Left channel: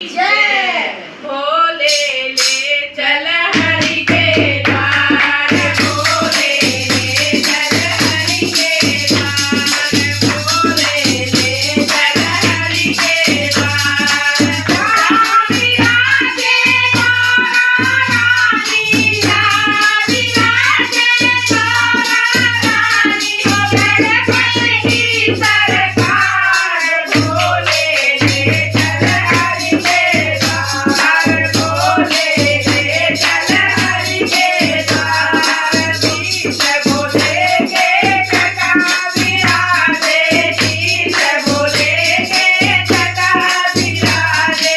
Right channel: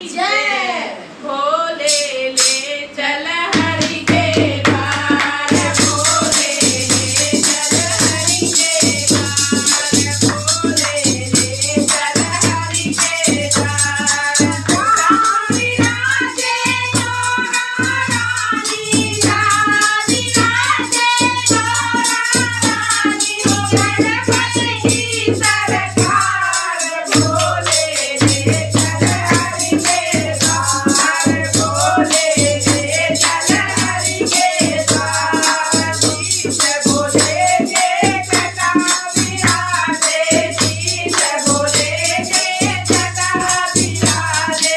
जय भोले ले चल हरि के द्वार भोले ले चल हरि के द्वार भोले ले चल हरि के द्वार राम विराजे गौरा रानी राम विराजे गौरा रानी गणपति की सरकार भोले ले चल हरि के द्वार भोले ले चल हरि के द्वार शीश भोले के जटा विराजे शीश भोले के जटा विराजे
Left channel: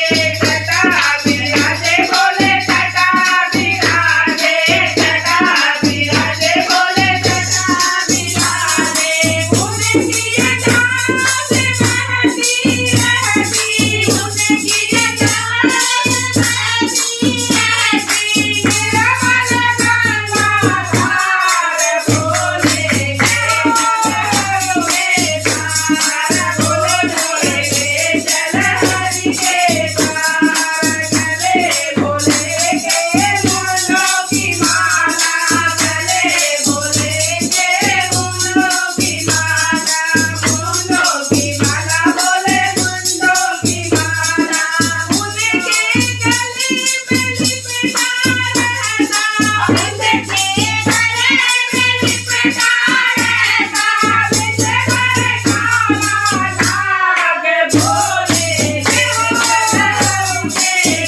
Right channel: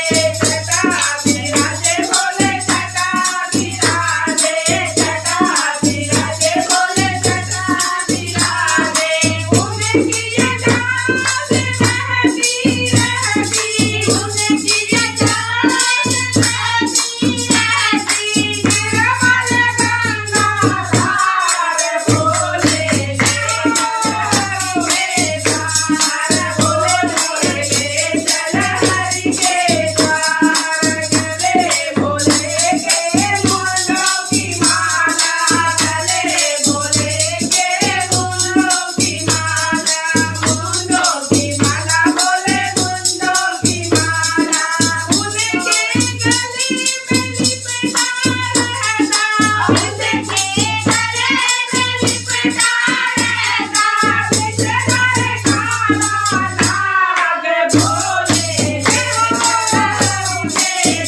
भोले जटा विराजे भोले जटा विराजे उनकी जटा से बहती रहती उनकी जटा से बहती रहती निर्मल गंगा धार भोले के द्वार भोले ले चल हरि के द्वार गले भोले के फूलों की माला गले भोले के फूलों की माला फूलों की माला बोले फूलों की माला उनके गले में लिपटा रहता उनके गले में लिपटा रहता बिछड़ काला नाग भोले के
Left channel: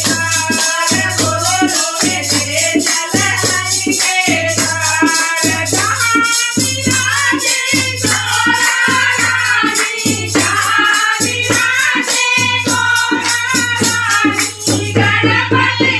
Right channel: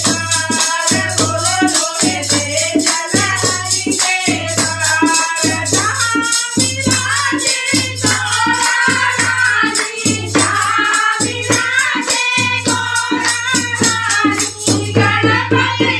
द्वार भोले ले चल हरि के द्वार जहाँ विराजे गौरा रानी जहाँ विराजे गौरा रानी गणपति